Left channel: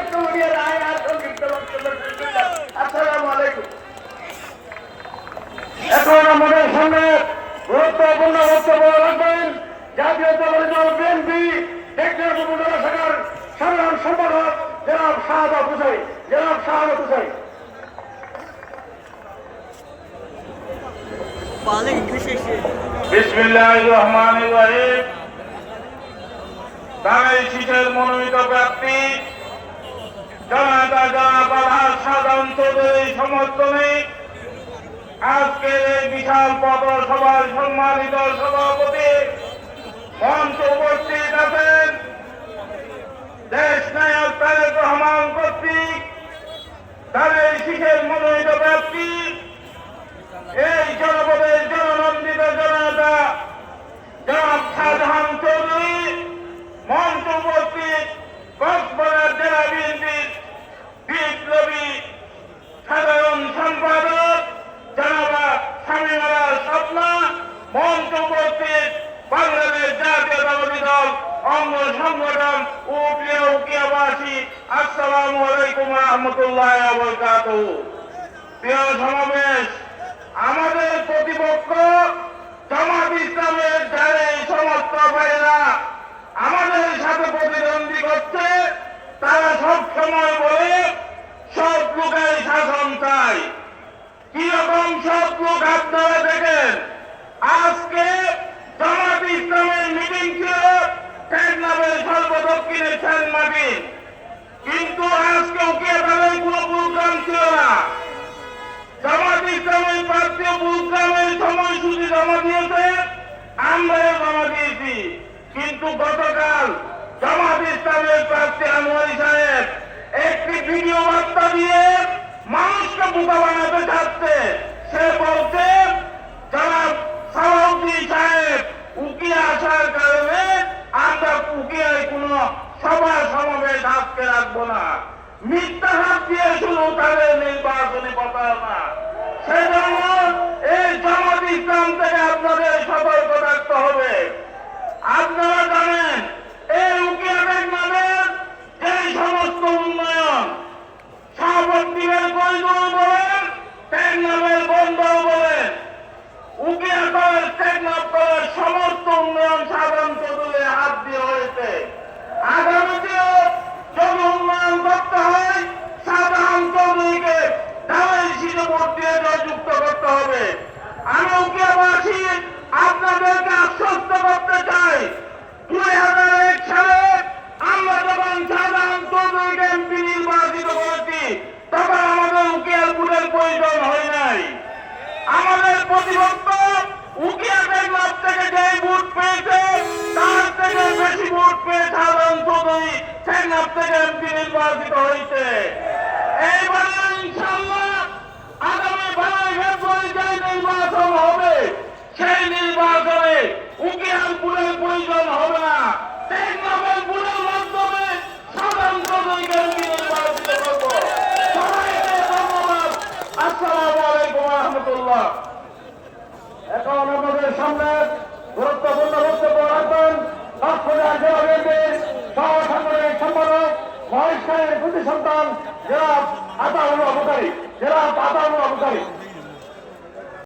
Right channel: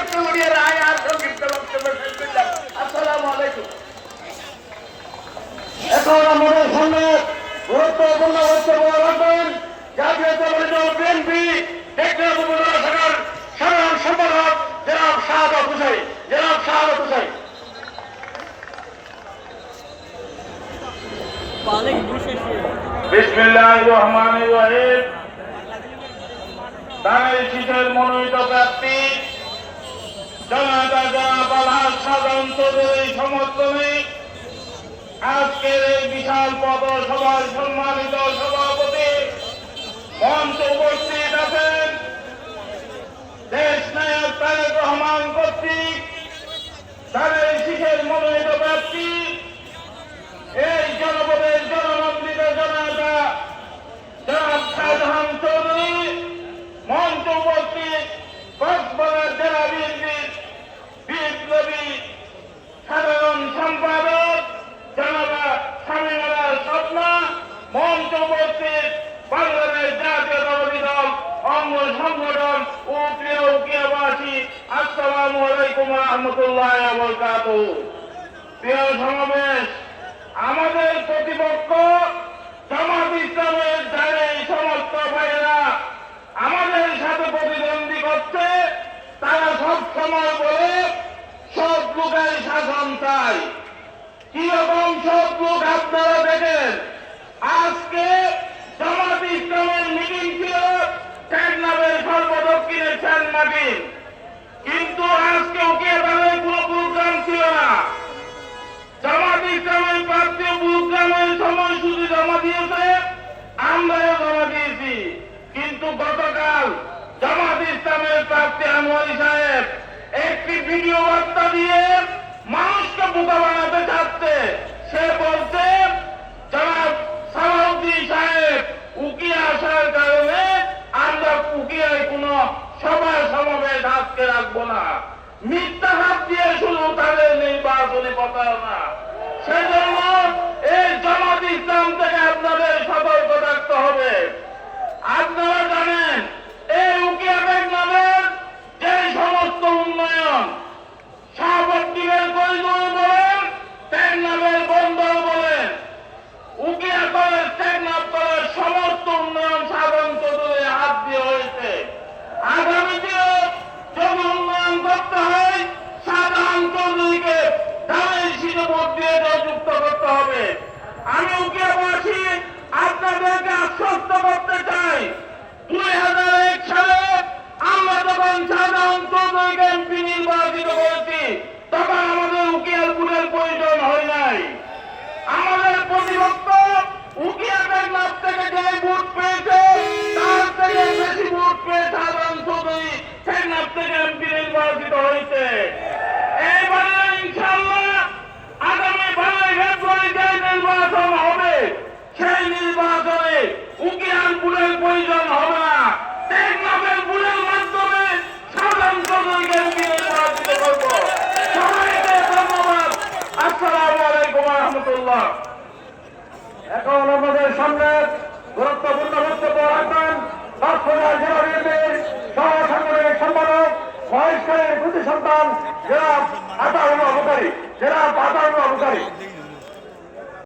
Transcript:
বক্তব্য নিয়ে রায় আর সংক্ষিপ্ত বক্তব্য। আসসালামু আলাইকুম। এখন আমাদের সামনে গুরুত্বপূর্ণ বক্তব্য রাখবেন জাতীয় দল বিএনপি টেকনাফ উপজেলা শাখার সাধারণ সম্পাদক জনাব শাহাদাত হোসেন। বিসমিল্লাহির রহমানির রহিম। দাঁড়াই শীতের মনোনীত প্রার্থী জনাব আলহাজ সাধারণ চৌধুরীর সমর্থনে আজকের এই বিশাল পথসভার সম্মানিত সভাপতি মঞ্চে উপস্থিত আছেন দেশ নায়ক তারেক রহমান কর্তৃক দাঁড়াই শীতের মনোনীত প্রার্থী এই জনপদের জননন্দিত জনতা জনাব শাহজাহান চৌধুরী মঞ্চ উপস্থিত কক্সবাজার জেলা বিএনপির বিপ্লবী সাধারণ সম্পাদক জনাবা শামীমারা স্বপ্না মঞ্চ উপস্থিত বাংলাদেশ জাতীয়তাবাদী দল অঙ্গ সংগঠন উকিয়াবাসী। আসসালামু আলাইকুম ওয়া রাহমাতুল্লাহি ওয়া বারাকাতুহু। প্রিয় সমাবেশ, আমাদের প্রতিপক্ষ জামাত ইসলামের যারা সমস্ত ভাইয়েরা আমাদের সাথে প্রতিদ্বন্দ্বী করছে, তারা সব সময় বলে সব লোকের শাসন চাই। কিরকম সব লোক আপনারা দেখেন, আজকে জামাত ইসলামের মিটিং ছিল টেকনাফের সর্বদক্ষিণে সেনমাটির, কিন্তু আজকে ওকে বেলায় কোনো প্রোগ্রাম ছিল না। জামাত ইসলামের প্রার্থী প্রোগ্রামের সময়সূচি জমা দিয়েছে, আমরাও জমা দিয়েছি, কিন্তু গতকাল জামাত ইসলামের প্রার্থী আনোয়ারি সাহেব একটি ভিডিও বার্তা দিয়ে মানুষকে বোকা বানাতে চাচ্ছে। সে বলছে জনাব সালাউদ্দিন সাহেব উকিয়া আসার কারণে আমরা উকিয়ায় কোন সভা সমাবেশ আজকে রাখবো না। মিথ্যা হাত দিয়ে শুধু তাদের নির্বাচনী প্রচারণা। সেজন্য এই জামাত ইসলাম থেকে আপনাদের সতর্ক থাকতে হবে। আপনারা জানেন এই উকিয়া টেকনাফের যে সমস্ত উন্নয়ন শাহপট্টিমের করিডোর বলেন, টেকনাফের বন্দর বলেন, উকিয়া কলেজ টেকনাফ কলেজ সমস্ত উন্নয়ন সাধারণ চৌধুরীর হাত দিয়ে হয়েছে। আগামীতেও যদি উন্নয়ন করতে হয় সাধারণ চৌধুরীকে ঢালাই শীতে ভোট দিয়ে যুক্ত করতে হবে। আমি উকিয়াবাসী আপনাদেরকে আশ্বস্ত করতে চাই, 2001 সালে আমরা যখন সাধারণ চৌধুরীকে এমপি নির্বাচিত করেছি তখন আমাদের উকিয়ালপুরের প্রয়োজন হয় নাই। আমাদের প্রতিপক্ষ উকিয়া টেকনাফ থেকে যে ভোট পেয়েছে তার থেকে বেশি ভোট পেয়ে সাধারণ চৌধুরী টেকনাফ থেকে এমপি নির্বাচিত হয়েছে। এইবারে ইনশাআল্লাহ আগামী 12 ফেব্রুয়ারি যে নির্বাচন হবে সেই নির্বাচনে উকিয়ালপুরের প্রয়োজন হবে না, টেকনাফের পুরের মাধ্যমে সাধারণ চৌধুরীকে এমপি নির্বাচিত করব। সবাইকে ধন্যবাদ। আসসালামু আলাইকুম ওয়া রাহমাতুল্লাহ। এখন আমাদের সামনে গুরুত্বপূর্ণ বক্তব্য রাখবেন কক্সবাজার জেলা বিএনপির সহসাংগঠনিক সম্পাদক মহেশখালীর প্রতি সন্তান জনাব আতাউল্লাহ বুখারী।